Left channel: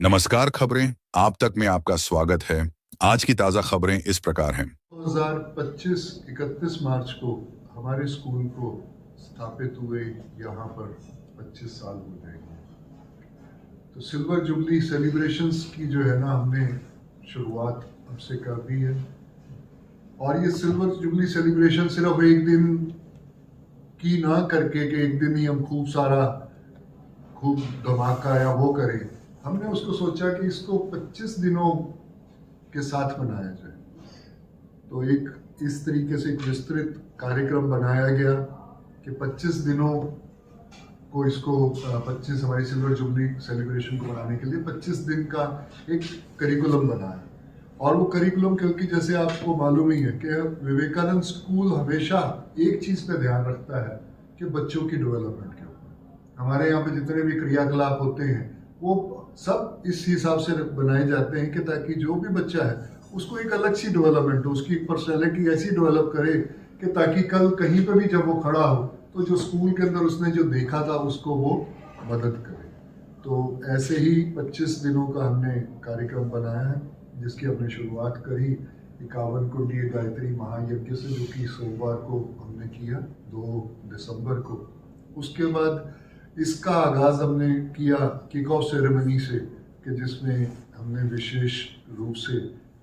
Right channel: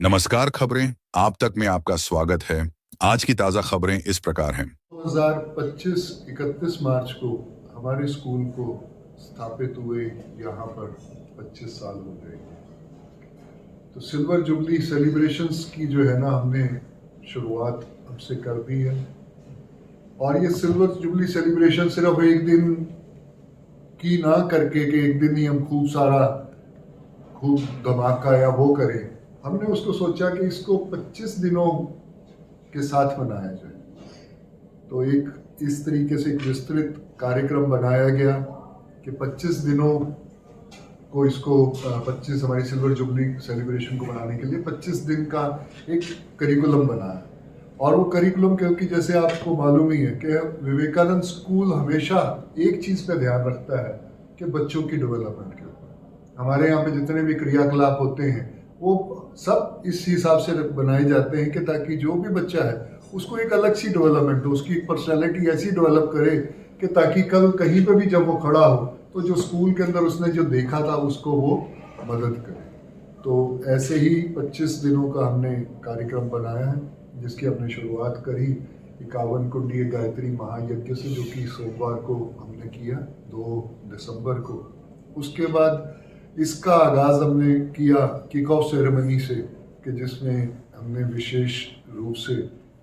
नमस्कार खबरें आप तक में आपका स्वागत है। आज की ताजा खबरें इस प्रकार हैं। 2025 31 मार्च को हमारे स्कूल को स्थापित हुए यहाँ पर 25 साल हो जाएंगे। तो सिल्वर जुबली सेलिब्रेशंस की जो है ना, हमने शुरुआत अब से कर दी है। और ये सिल्वर जुबली सेलिब्रेशन सिर्फ एक दिन की ना करके कि एक दिन ही हम खूब धमाका या वो करें। हमने उसको सोचा कि इसको 25 दिनों के साथ मनाया जाए। तो एक इस तरीके से एक विस्तृत कार्यक्रम बनाया गया कि 25 दिनों को इसको 25 हमारी सिल्वर जुबली सेलिब्रेशन को मनाने के लिए 25 दिन का एक करिकुलम बनाया। और वो करिकुलम क्योंकि जैसे आपको मालूम ही है कि विवेकानंद स्कूल हमेशा एक चीज़ पे ध्यान रखता है कि बच्चों की डेवलपमेंट के ऊपर। हमारे यहाँ पे जितने भी क्रियाकलाप होते हैं वो सब इस हिसाब से बनाए जाते हैं कि ताकि जो भी बच्चा है उसको एक अलग सी डेवलपमेंट हो, उसकी एक पर्सनैलिटी ऐसी डेवलप करे कि ताकि कल कहीं पे भी जब वो खड़ा हो तो जो स्कूल के अंदर उसने जो देखा था उसको वो मदद करे। तो ऐसे ही 25 दिनों का हमने कार्यक्रम बनाया है, जिसकी हमने शुरुआत करी 51 कुंडीय गायत्री महायज्ञ से, जो कि सोमवार को हमने किया 2 दिसंबर को। उसके बाद इसका आगाज़ हमने किया किक ऑफ सेरेमनी से, कि जिसमें हमने विशेष रूप से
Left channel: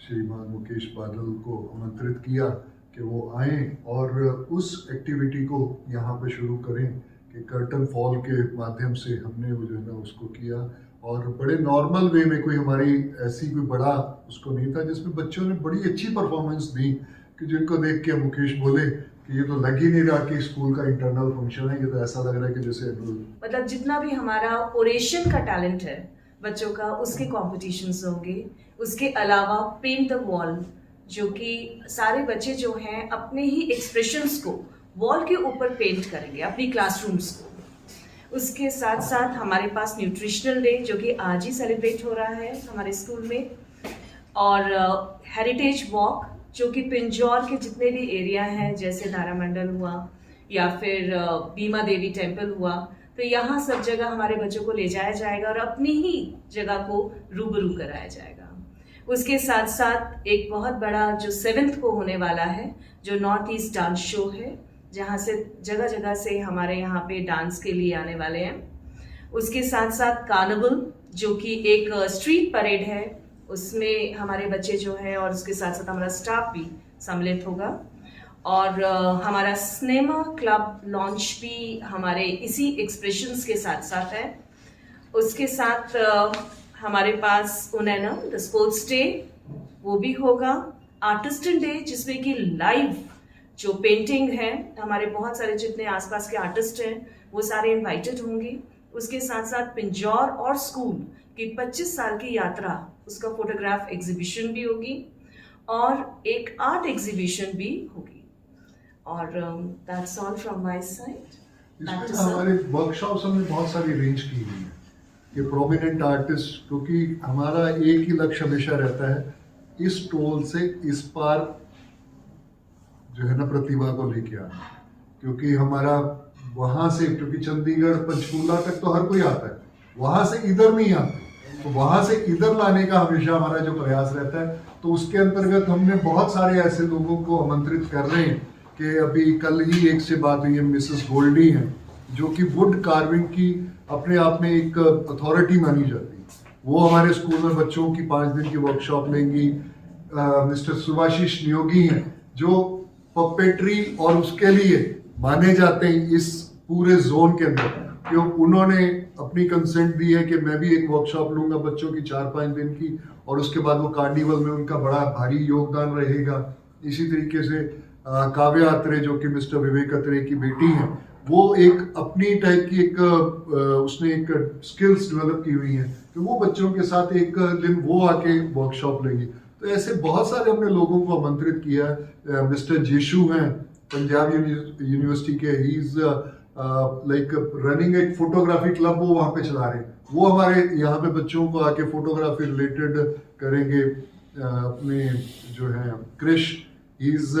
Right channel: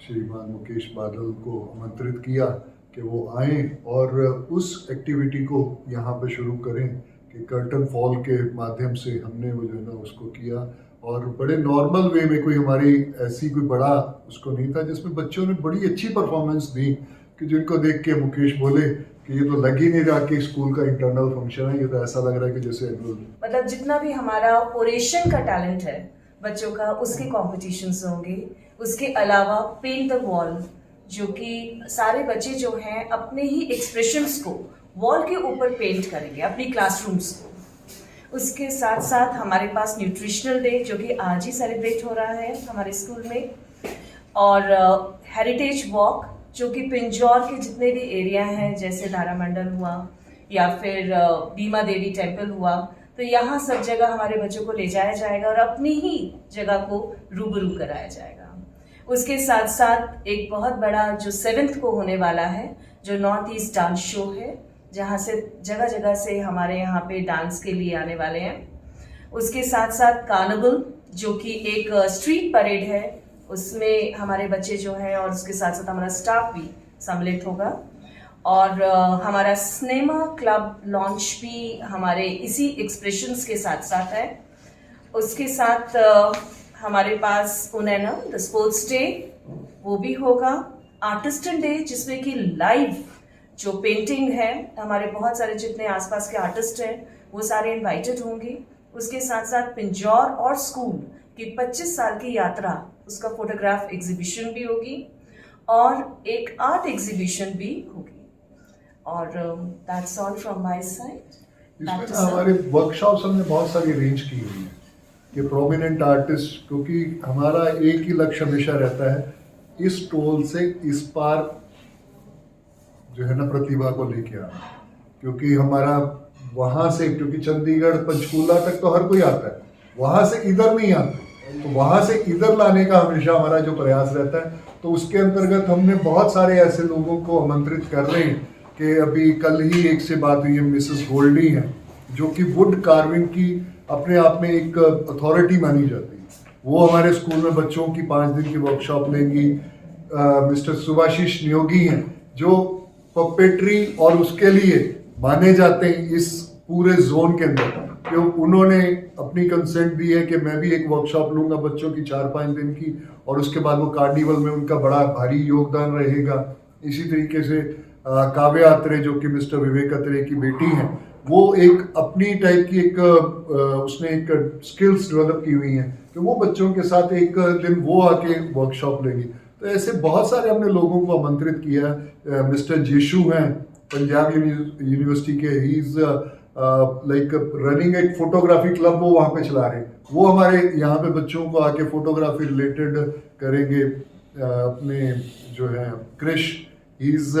श्रीमान मुकेश बादल को आमंत्रित किया कि वो आएँ और उस एक्टिविटी को यहाँ पे शुरू करें कि कर्टन फॉल के माध्यम से हमने वो जो है ना उसको किया। और बड़े नॉर्मल वे में, कोई हमारी ऐसी कोई बड़ा उसको नहीं था, जिसमें बच्चों ने बड़ी अच्छी परफॉर्मेंस दी कि जिनको देख के मुकेश बोले कि ये तो लग ही नहीं रहा कि स्कूल का इंटरनल फंक्शन है, ये तो ऐसा लग रहा है कि जैसे मतलब जितना भी हमारा ओरेशन का टैलेंट है बच्चों का, उसके कॉम्पिटिशन्स होंगे। उसके अलावा पेंट द वॉल, जो कि सारे बच्चे जो हैं अपने ही एक्सप्रेशंस को वॉल के ऊपर पेंट करेंगे अपनी क्लासरूम्स को। उसके साथ साथ हमारे पास न्यूट्रिशनल डे, जो कि आज ही सेलिब्रेट हो रहा है हमारे स्कूल में, और हेरिटेज वॉक, जो कि पिंजौर के जितने भी एरिया हैं, जैसे तारामंडल हुआ या फिर बीमा देवी टेम्पल हुआ, तो यहाँ सब जगह हमारे बच्चों को ले जाया जाएगा और अपनी ही जगह को रूबरू कराया जाएगा। उसके साथ साथ एक बहुत बड़ा जो 7th को होने वाला है, जो नॉर्थ ईस्ट डांस शो है, जहाँ से जगह जगह से हमारे यहाँ पे डांस के लिए आने वाले हैं। उसके साथ साथ कार्निवल, जो कि एक स्ट्रीट परेड है, उसमें हमारे बच्चे जो हैं और उसके साथ साथ हमारा स्टाफ भी सम्मिलित होगा। और हमारा सिनेमा क्लब लॉन्च भी हमारे इसी एक्सप्रेशंस के साथ साथ है। उसके साथ हमारे पास उनैना द स्पोर्ट्स डे, वो भी होगा। आर्टिस्टन डे, जिसमें कि लाइव जो पेंटिंग है, हमारे बहुत सारे जितने आसपास के आर्टिस्ट हैं वो सारे इनवाइटेड होंगे। उसके साथ साथ पिंजौर और स्कूल की 25 साल की यात्रा, उसका फोटोग्राफ एग्जीबिशन भी होगी और एक आर्ट एग्जीबिशन भी होगी। और that's all from my side. इसमें हमारे वर्कशॉप्स हमने बहुत सारी अरेंज की हुई है कि प्रोमिनेंट आर्टिस्ट, क्योंकि हमारा एक ही लक्ष्य हमेशा रहता है इस टोल से इस पार जो है ना प्रतिभा को लेके आना। क्योंकि हमारा वहाँ से, क्योंकि चंडीगढ़ पंचकूला तक तो हर कोई आता है, वहाँ से इधर नहीं आते, तो वहाँ से इधर लाने का हमेशा हमारा जो प्रयास रहता है। तो उसके अंतर्गत हमने बहुत सारे ऐसे लोगों को आमंत्रित कर रहे हैं कि अभी कल ही एक से बात हुई है, मिसेस गोल्डी हैं, जो कि वुड कार्विंग की अपने आप में एक अथॉरिटी मानी जाती है। वो हमारे स्कूल में बच्चों की 5 दिन की वर्कशॉप लेंगी। मिस्टर सुभाशीष नियोगी हैं, जो पपेट्री और उसके लिए माने जाते हैं इस पूरे जोन के अंदर, कि उन्होंने अपनी कंसेंट दी है कि मैं भी एक वर्कशॉप लूँगा बच्चों की 4-5 दिन की, और उसके बाद वो कार्निवल में उनका बड़ा भारी योगदान रहेगा। इसी तरीके से काव्या अत्रे, जो कि मिस्टर विवेक अत्रे की बेटी हैं, वो एक अपनी टाइप की एक उसने एक स्किल्स डेवलप की हुई हैं कि वो बच्चों के साथ एक दिन वो आके वर्कशॉप लेंगी। तो ऐसे बहुत सारे हमने लोगों को आमंत्रित किया। मिस्टर जेशु हैं पंजाब यूनिवर्सिटी के, ही इज़ लाइक रनिंग एक फोटोग्राफी क्लब, वो वहाँ पे चला रहे हैं। वो हमारे यहाँ पे बच्चों को आके फोटोग्राफी रिलेटेड करेंगे। अपने जो है Krish, he is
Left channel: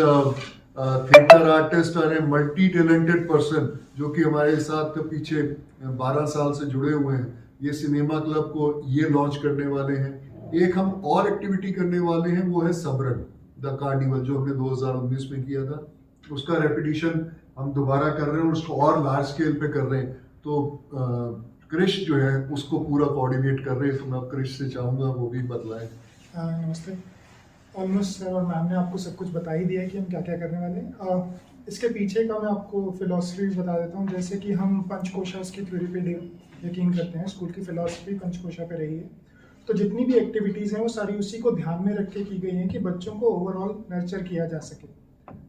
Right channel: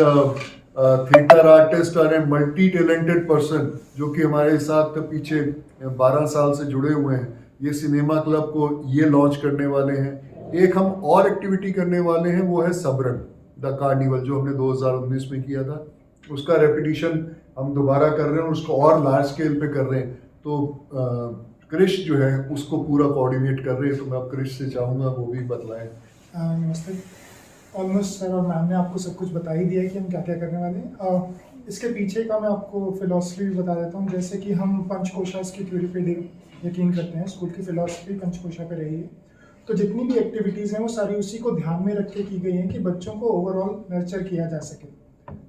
theatre artist और ए मल्टी टैलेंटेड पर्सन, जो कि हमारे साथ पीछे 12 साल से जुड़े हुए हैं। ये सिनेमा क्लब को ये लॉन्च करने वाले हैं। एक हम और एक्टिविटी करने वाले हैं, वो है सबरंग द कार्निवल, जो हमने 2019 में किया था। उसका रेपिटिशन हम दोबारा कर रहे हैं और उसको और लार्ज स्केल पे कर रहे हैं। तो क्रिश जो है उसको पूरा कोऑर्डिनेट कर रहे हैं, तो मैं अब क्रिश से चाहूँगा वो भी बतलाएं। नमस्ते। ऑलमोस्ट सर और मैम ने आपको सब कुछ बता ही दिया है कि हम क्या क्या करने वाले हैं। इसके पीछे का मैं आपको फिलॉसफी बता देता हूँ। जैसे कि हम पंचकोशा की थ्योरी पे यकीन करते हैं, स्कूल की फिलॉसफी पंचकोशा पे रही है। तो जितनी भी एक्टिविटीज़ हैं वो सारी उसी को ध्यान में रख के की गई हैं कि बच्चों को ओवरऑल नर्चर किया जा सके,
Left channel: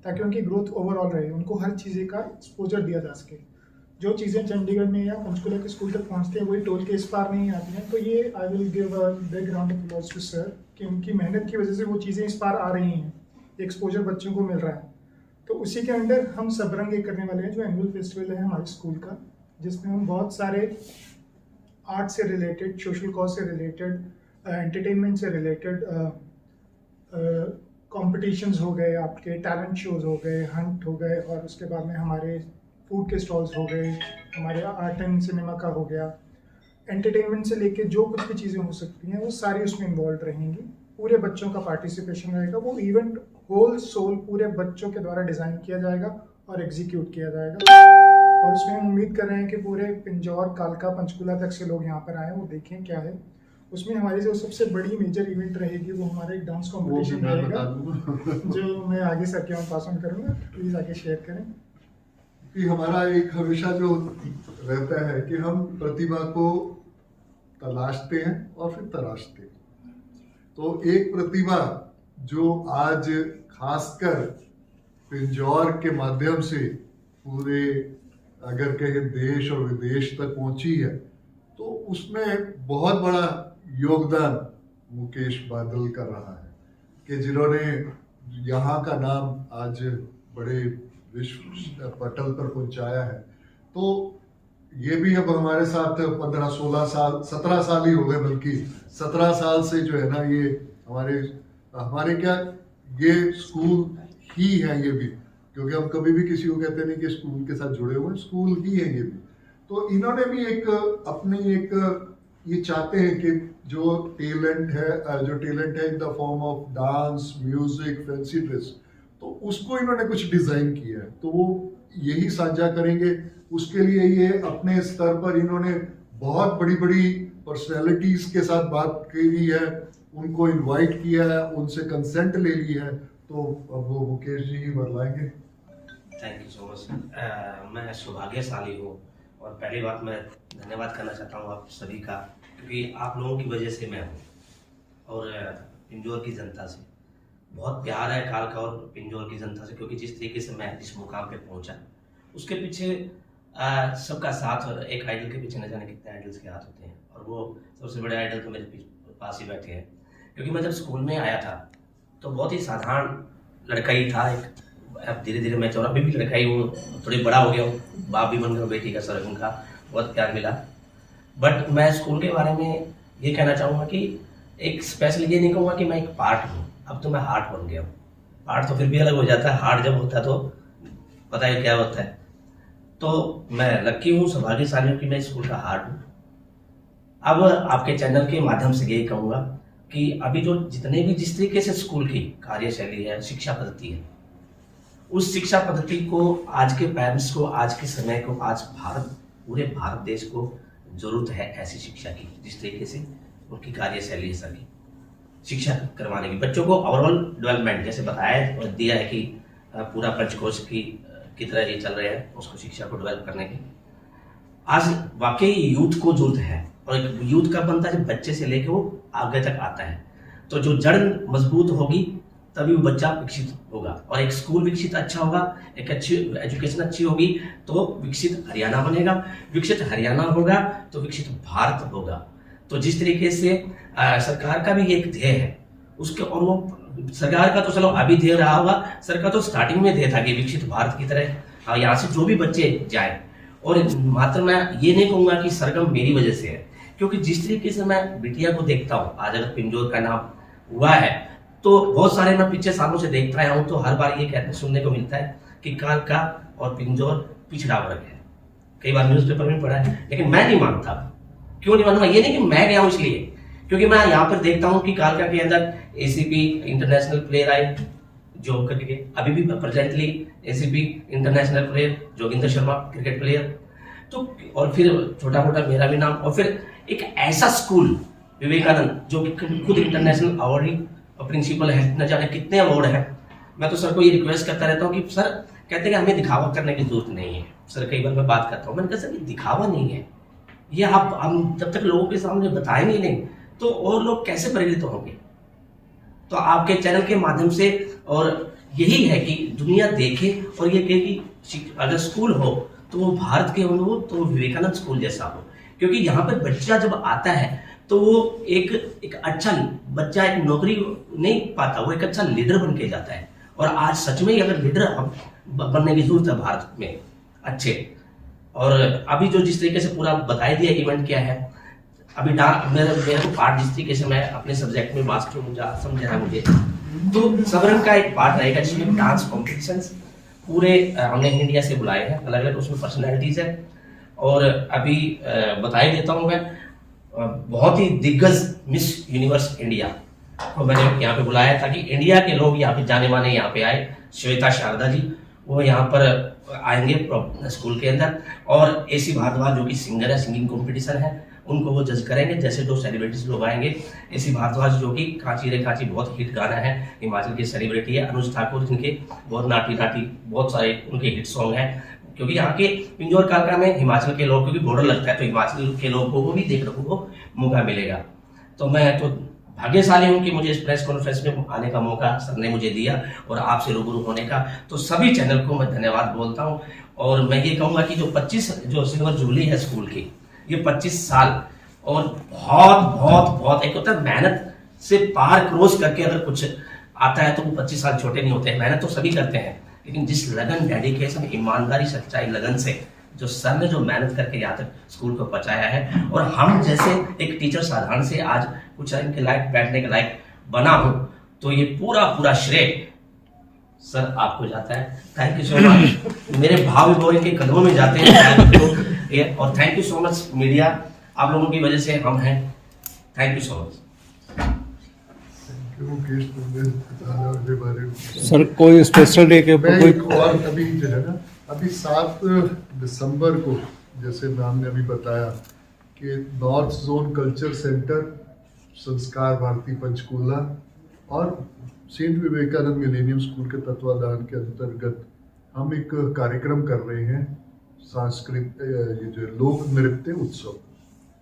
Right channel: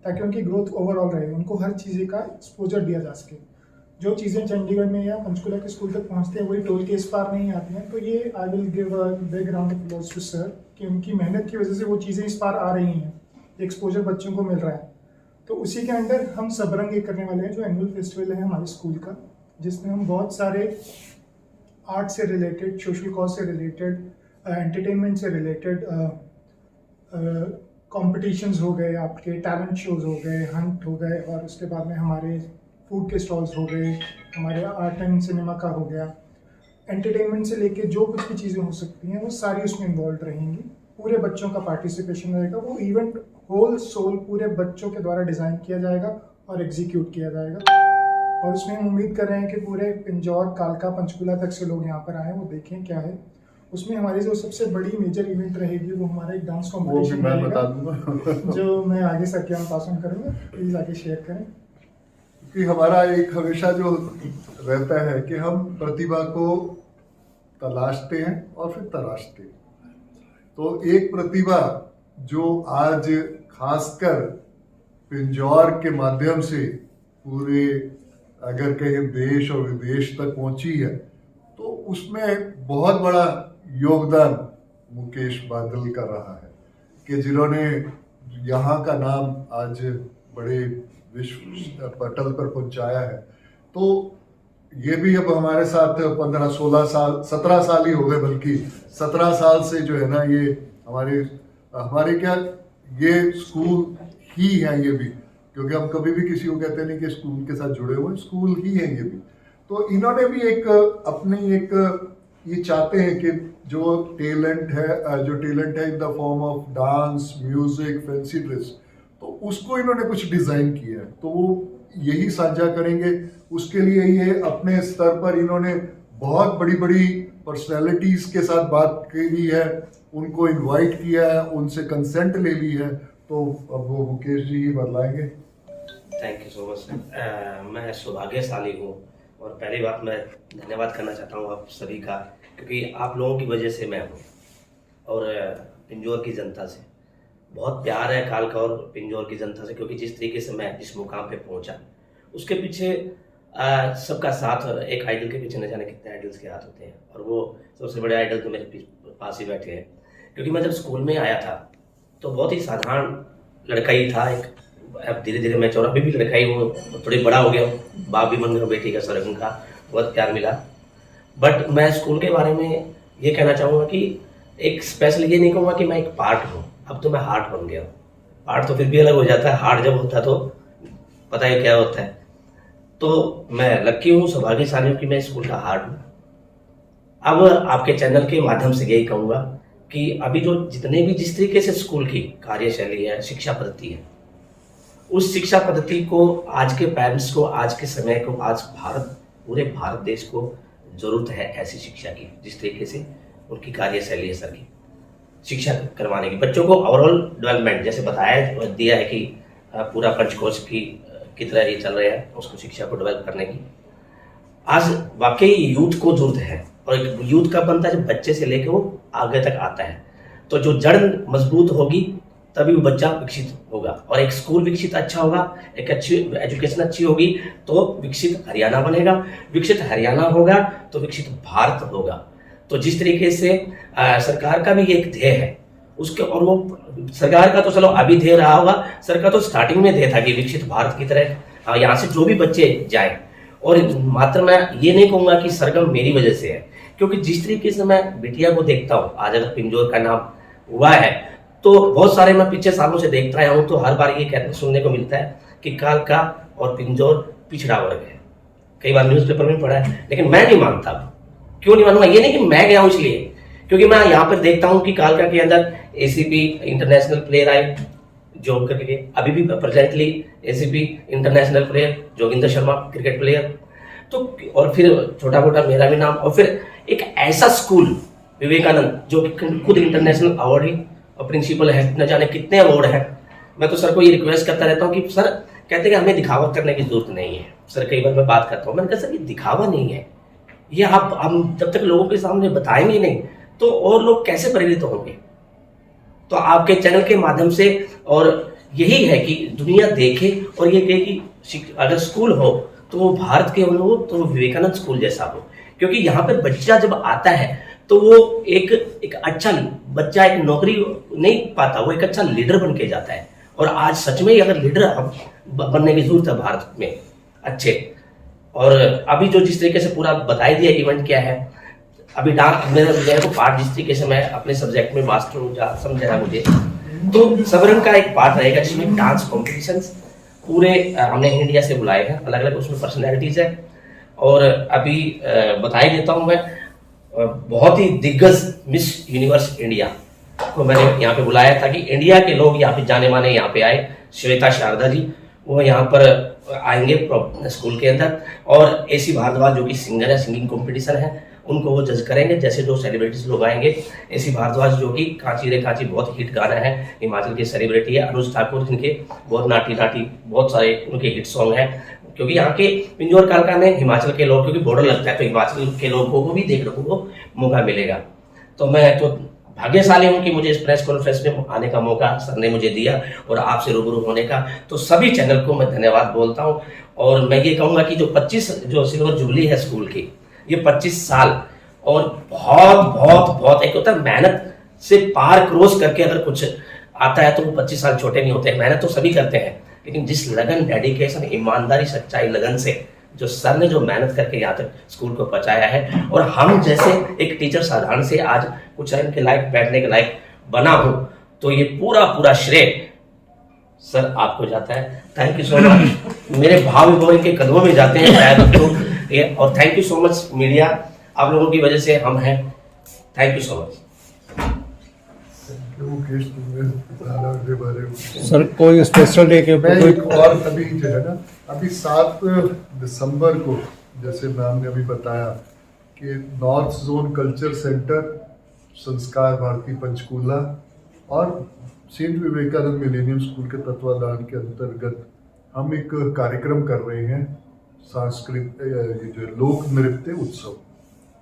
ताकि उनकी ग्रोथ ओवरऑल रहे, उनको हर चीज़ का एक्सपोजर दिया जा सके। जो चीज़ें चंडीगढ़ में या पंचकुला के स्कूल तक पहुंचती हैं वही टोल के इस पार नहीं आती हैं। तो ये I will give a big round of applause to sir कि उनकी मेहनत की वजह से वो चीज़ें इस पार आ रही हैं, एक्सपोजर बच्चों को मिल रहा है। तो उसी के अंडर हम सबरंग एक करने वाले हैं, जो एनुअल फेस्टिवल है हमारे स्कूल का, जिसमें हम बहुत सारे आर्ट से रिलेटेड, सोशल कॉज से रिलेटेड, एंटरटेनमेंट से रिलेटेड कॉम्पिटिशन्स हो गए, आपके टैलेंट शोज हो गए, हंट हो गए, और उसके बाद में हमारे फूड के स्टॉल्स हो गए, हमारे आर्ट एंड सिनेमा का हो गया, एंटरटेनमेंट से लेके जो कुछ भी चीज़ें हो सकती हैं वो सारी उसमें इन्वॉल्व रहेंगी। पूरे बच्चों का पार्टिसिपेशन रहेगा। वो इवेंट होल सोल पूरे बच्चों के द्वारा डिज़ाइन किया जाएगा और एग्जीक्यूट किया जाएगा। और उसमें हम उम्मीद कर रहे हैं कि पूरे पिंजौर, कालका, पंचकुला तक से लोग यहाँ पर आएँ, वो देखें क्या है। उसमें हमारी जो सबसे बड़ी मेजर इवेंट रहेगी वो हमारा एक डांस कॉम्पिटिशन रहेगा, जो मैं आगे सर के पास ऑन करूँगा। प्लीज़ आगे शेयर करें। कि हमारा एक हमेशा जो रहता है कि हम प्रतिभा को तलाशते हैं और फिर तराशते हैं। तो एक प्रतिभा जो आज खासकर पिंजौर के माध्यम से पूरे अगर कहें देश और विदेश तक पहुंची है, तो उसमें बहुत बड़ा योगदान मुकेश बादल का रहा है, कि जिन्होंने यहाँ का नाम आज बड़े विश्व पटल पर पहुंचाया है। तो ये भी अब हमारे साथ 15-16 साल, 17 साल ही हो गए, बल्कि 17 साल से जो है ना, ये हमारे क्या ये स्कूल ही है ये भी, क्योंकि हम कभी भी किसी को कहते नहीं कि स्कूल के साथ जुड़े हुए हैं, स्कूल ही है ये भी। तो इन्होंने भी एक अपनी एक ये चाहते हैं कि जो टैलेंट है in the form of dance, music, fancy dress, तो उसको इन्होंने कुछ डिज़ाइन किया है, तो वो यही साझा करेंगे। उसके लिए ये अपने स्तर पर इन्होंने बहुत बड़ी बड़ी पर्सनैलिटीज़ के साथ बात करी है, उनको इनवाइट किया है, उनसे कंसेंट ले ली है। तो अब वो मुकेश जी ही बतलाएंगे। Thank you so much sir. मैं सौभाग्यशाली हूँ, और पहली बात मैं धन्यवाद करना चाहता हूँ आप सभी का, क्योंकि आप लोगों की वजह से मैं हूँ, और पिंजौर की जनता से बहुत प्यार है, कालका और पिंजौर की जनता से, क्योंकि जिस तरीके से मैं जिस मुकाम पे पहुंचा उसके पीछे सबका साथ। एक आइडल के पीछे न जाने कितने आइडल्स के हाथ होते हैं, और वो सबसे बड़े आइडल तो मेरे पास ही बैठे हैं। क्योंकि मैं जब स्कूल में आया था तो बहुत ही साधारण लड़का ही था एक। अब धीरे धीरे मैं 14 भी लड़का ही हूँ, थोड़ी बड़ा हो गया हूँ, बाप भी बन गया, बेटी का सर उनका बहुत प्यार मिला। बट मैं स्कूल के बारे में ये कहना चाहूँगा कि एक स्पेशल ये नहीं कहूँगा कि मैं एक पार्ट हूँ, अब तो मैं हार्ट बन गया हूँ। पार्ट तो फिर भी अलग हो जाता है, हार्ट जब होता है तो पता है क्या होता है। तो मैं लकी हूँ, सौभाग्यशाली हूँ कि मैं स्कूल का हार्ट हूँ। अब आपके चैनल के माध्यम से यही कहूँगा कि अभी जो जितने भी जिस तरीके से स्कूल की कार्यशैली है, शिक्षा पद्धति है, उस शिक्षा पद्धति को आज के पेरेंट्स को, आज के समय को, आज पूरे भारत देश को जरूरत है ऐसी शिक्षा की, जिस तरीके से उनकी कार्यशैली है सर की शिक्षा करवाने की। बच्चों को ओवरऑल डेवलपमेंट जैसे बताया दिया है कि पूरा पंचकोश की तरह ये चल रहा है, उसको शिक्षा को डेवलप करने की। आज वाकई यूथ को जरूरत है, और एक यूथ का बनता है जब बच्चे से लेकर वो आगे तक आता है। तो जो जड़ मजबूत होगी तभी वो बच्चा विकसित होगा, और एक स्कूल विकसित अच्छा होगा, एक अच्छी एजुकेशन अच्छी होगी तो विकसित हरियाणा बनेगा, विकसित हरियाणा होगा तो विकसित भारत होगा। तो जिस तरीके से सरकार का भी एक ध्येय है उसके, और वो सरकार का तो चलो अभी ध्येय रहा होगा, सरकार का तो स्टार्टिंग में ध्येय था कि विकसित भारत की तरह यहाँ से जो भी बच्चे जाए। और मात्र मैं ये नहीं कहूँगा कि सरगम मेरी वजह से है, क्योंकि जिस तरीके से मैं बिटिया को देखता हूँ, आज अगर पिंजौर का नाम हुआ है तो बहुत सारे मैं पिछले सालों से देखता आया हूँ, तो हर बार ये कहते सुनने को मिलता है कि कालका और पिंजौर पिछड़ा वर्ग है। कई बार न्यूज़पेपर में पढ़ा है, लेकिन मैं नहीं मानता, क्यों नहीं मानूंगा? ये नहीं कि मैं गया हूं इसलिए, क्योंकि मैं यहाँ पर देखता हूँ कि कालका के अंदर एसीपी इंटरनेशनल प्लेयर आए जॉब करके, अभी भी presently ACP international player Joginder Sharma cricket player, तो और फिर छोटा मोटा मेरा भी नाम, और फिर एक ऐसा स्कूल विवेकानंद जो कि खुद इंटरनेशनल अवार्ड ही और प्रिंसिपल है, न जाने कितने अवार्ड है। मैं तो सर को ये रिक्वेस्ट करता रहता हूँ कि सर, कहते हैं कि हमें दिखावा करने की जरूरत नहीं है। सर कई बार मैं बात करता हूँ, मैंने कहा सर ये दिखावा नहीं है, ये आप हम जब तक लोगों के सामने बताएंगे नहीं तो और लोग कैसे प्रेरित होंगे? तो आपके चैनल के माध्यम से, और यही है कि दुनिया देखे और ये कहे कि अगर स्कूल हो तो वो भारत के हो, तो वो विवेकानंद स्कूल जैसा हो, क्योंकि यहाँ पे बच्चा जब आता है तो वो एक अच्छा बच्चा एक नौकरी नहीं पाता, वो एक अच्छा लीडर बन के जाता है। और आज सच में ही अगर लीडर अब बनने की जरूरत है भारत में अच्छे। और अभी जो जिस तरीके से पूरा बता दिया इवेंट क्या है, अभी मेरे को पार्ट जिस तरीके से मैं अपने सब्जेक्ट में मास्टर हूँ, समझ रहा मुझे, तो सबरंग का एक पार्ट रहेगा जिसमें डांस कॉम्पिटिशन्स पूरे हमने इंडिया से बुलाए हैं, अलग अलग उसमें पर्सनैलिटीज है। और अभी बता ही देता हूँ मैं, बहुत ही दिग्गज मिस यूनिवर्स इंडिया को मैंने यहाँ पे बुलाया ताकि इंडिया के लोग यहाँ पे जाने माने यहाँ पे आए। श्वेता शारदा जी वो यहाँ पर आएंगे स्कूल के अंदर, और एसी भारद्वाज जो कि सिंगर है, सिंगिंग कंपटीशन है, उनको वो जज करेंगे। जैसे जो सेलिब्रिटीज लोग आएंगे, एसी भारद्वाज जो कि कांची रे कांची बहुत हिट गाना है, हिमाचल के सेलिब्रिटी है। अनुज ठाकुर जिनके बहुत नाटी नाटी बहुत सारे उनके हिट सॉन्ग हैं, क्योंकि यहाँ के पिंजौर कालका में हिमाचल के लोग, क्योंकि बॉर्डर लगता है तो हिमाचल के लोगों को भी देखने को मौका मिलेगा। तो मैं तो भाग्यशाली हूँ कि मुझे इस प्रेस कॉन्फ्रेंस में आने का मौका सर ने मुझे दिया और आपसे रूबरू होने का। तो सभी चैनल को मैं धन्यवाद बोलता हूँ। और मैं ये कहूँगा कि जो 25 जो सिल्वर जुबली है स्कूल की, ये 25 साल और बहुत बहुत बहुत एक होता है मेहनत से पार क्रॉस करके अगर कुछ आता है तो वो 25 साल छोटे नहीं होते। मेहनत तो सभी करते हैं, लेकिन जिस लगन, डेडिकेशन, ईमानदारी, सच्चाई, लगन से जो सर ने जो मेहनत करके यहाँ तक स्कूल को पहुंचाया है, और हम जैसे एक टीचर साधारण से आज कुछ इनके लायक बैठने के लायक बना हूं, तो ये पूरा श्रेय सर आपको जाता है। Thank you so much. मेरे भाव विभव इनके कदमों में जाते हैं शायद तो, और thank you so much media, आप लोगों की वजह से हम हैं। Thank you so much. Mukesh, तुमने बताया मेरे बारे में। सर कोई स्पेशल डे के ऊपर कोई एक और अभी जो है ना, अभी 7 दिसंबर को जैसे मैम ने अभी बताया कि नॉर्थ जोन कल्चर सेंटर, संस्कार भारती पंचकूला और सेंट विवेकानंद मिलेनियम स्कूल के तत्वाधान के अंतर्गत हम एक कार्यक्रम कर रहे हैं, सांस्कृतिक जो लोक नृत्य उत्सव,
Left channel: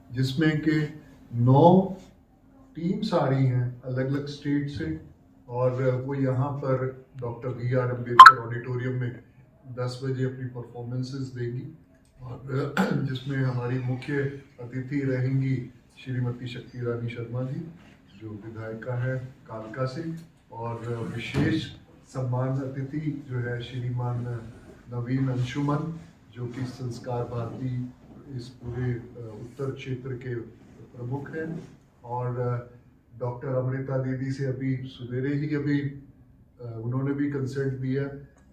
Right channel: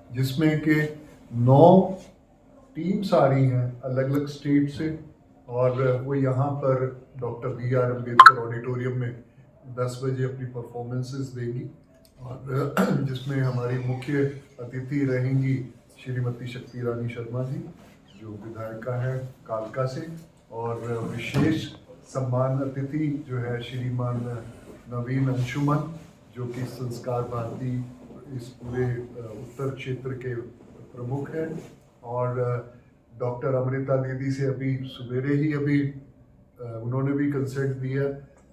जिसमें के 9 टीम्स आ रही हैं अलग अलग स्टेट से, और वो यहाँ पर डॉक्टर BR अम्बेडकर ऑडिटोरियम में 10 बजे अपनी परफॉर्मेंसेस देंगी, और जिसमें हमारी मुख्य अतिथि रहेंगी श्रीमती शक्ति रानी शर्मा जी जो विधायिका है कालका से, और विशेष सम्मान अतिथि जो है श्रीमान नवीन अंशुमन जो कि संस्कार भारती इस पूरे उत्तर क्षेत्र के प्रमुख हैं, और डॉक्टर अमृता दीदी से अभी सवेरे ही अभी उन्होंने भी कंसेंट दिया,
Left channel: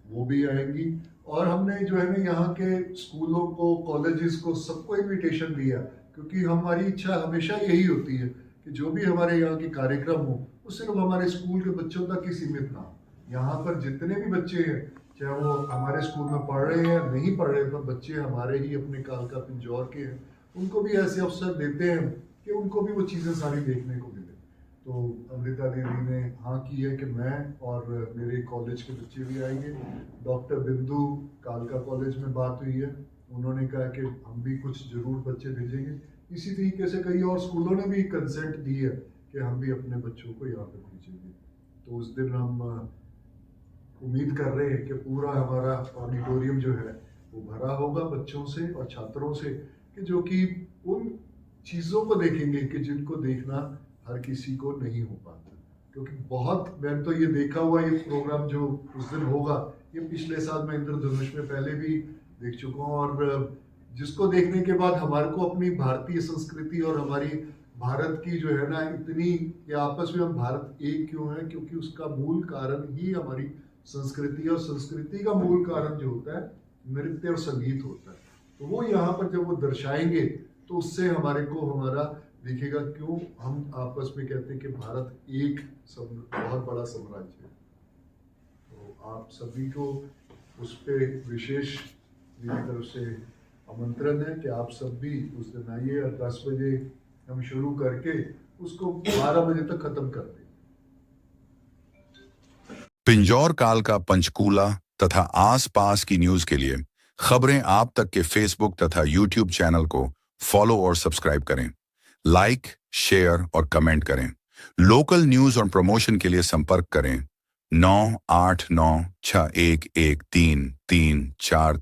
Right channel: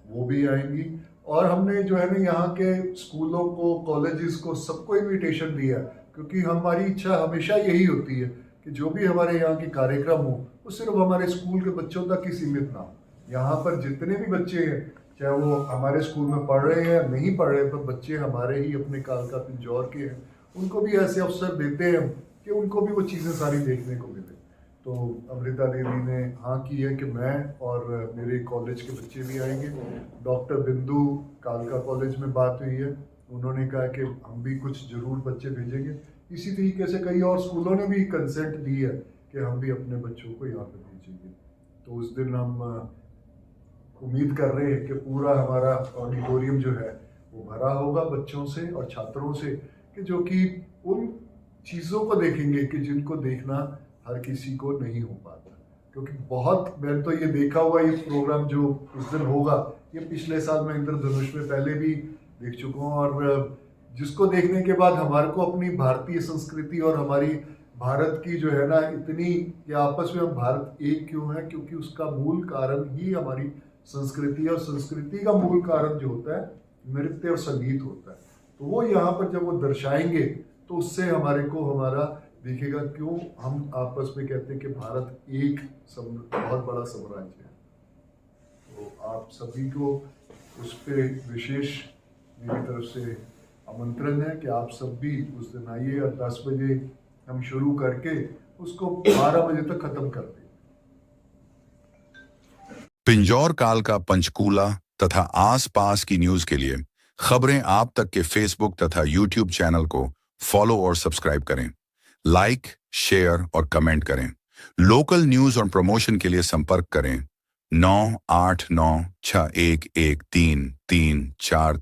वो भी आएंगी। और हमने जो है ना यहाँ के स्कूलों को, कॉलेजेस को, सबको इनविटेशन दिया, क्योंकि हमारी इच्छा हमेशा यही होती है कि जो भी हमारे यहाँ के कार्यक्रम हो वो सिर्फ हमारे स्कूल के बच्चों तक ही सीमित ना हो। यहाँ पर जितने भी बच्चे हैं, चाहे वो हमारे स्कूल में पढ़ रहे हैं या नहीं पढ़ रहे, पर बच्चे हमारे ही अपने कालका पिंजौर के हैं, उनको भी ऐसे अवसर देते हैं कि उनको भी वो चीज़ें सारी देखने को मिले। तो अमृता दीदी ने हाँ की है कि मैं और मेरे कॉलेज के बच्चे भी आएंगे। डॉक्टर बिंदु कालका कॉलेज में बात हुई है, उन्होंने कहा कि हम भी कुछ ज़रूर बच्चे भेजेंगे। इसी तरीके से कई और स्कूलों ने भी कंसेंट दी है कि हम भी अपने बच्चों को यहाँ पे भेजेंगे। तो उस दिन हम उम्मीद कर रहे हैं कि पूरा हमारा ऑडिटोरियम जो है वो भरा होगा बच्चों से और छात्रों से, कि जो कि उन चीज़ों को देखेंगे कि जिनको देखना हर किसी को नहीं हो पाता। क्योंकि बहुत, मैंने तो ये देखा हुआ, ये प्रोग्राम जो उस दिन होगा, ये पिछले साल मैं इंद्रधनुष में पहले भी देख चुका हूँ, और जिसको देखने के बाद हमारे को अपनी भारतीय संस्कृति और हमारी भारत की जो है ना इतनी, कि आपस में हम भारत एक क्यों है, क्योंकि उसका मूल कारण ही हमारी संस्कृति, और संस्कृति का मूल कारण जो होता है नृत्य और संगीत होता है। तो वो यहाँ पर जब वो दर्शाएंगे तो उससे हमारे को हमारा दिखेगा क्यों हम आपस में कहते हैं कि भारत एक बहुत बड़ा साम्राज्य है। तो आप सभी को उस पे विशेष मेरी तरफ से आमंत्रण है कि आप सब भी उस दिन आइए और 10 बजे हम शुरू करके उसको 12 बजे तक खत्म कर देंगे। पिंजौर काल का पंचकूला तथा आसपास की न्यूज के लिए खबरें आप तक के फेसबुक तथा यूट्यूब चैनल को फॉलो और सब्सक्राइब करें, लाइक, शेयर और कमेंट करें। लोकल न्यूज और प्रमोशन के लिए संपर्क करें 9896113343।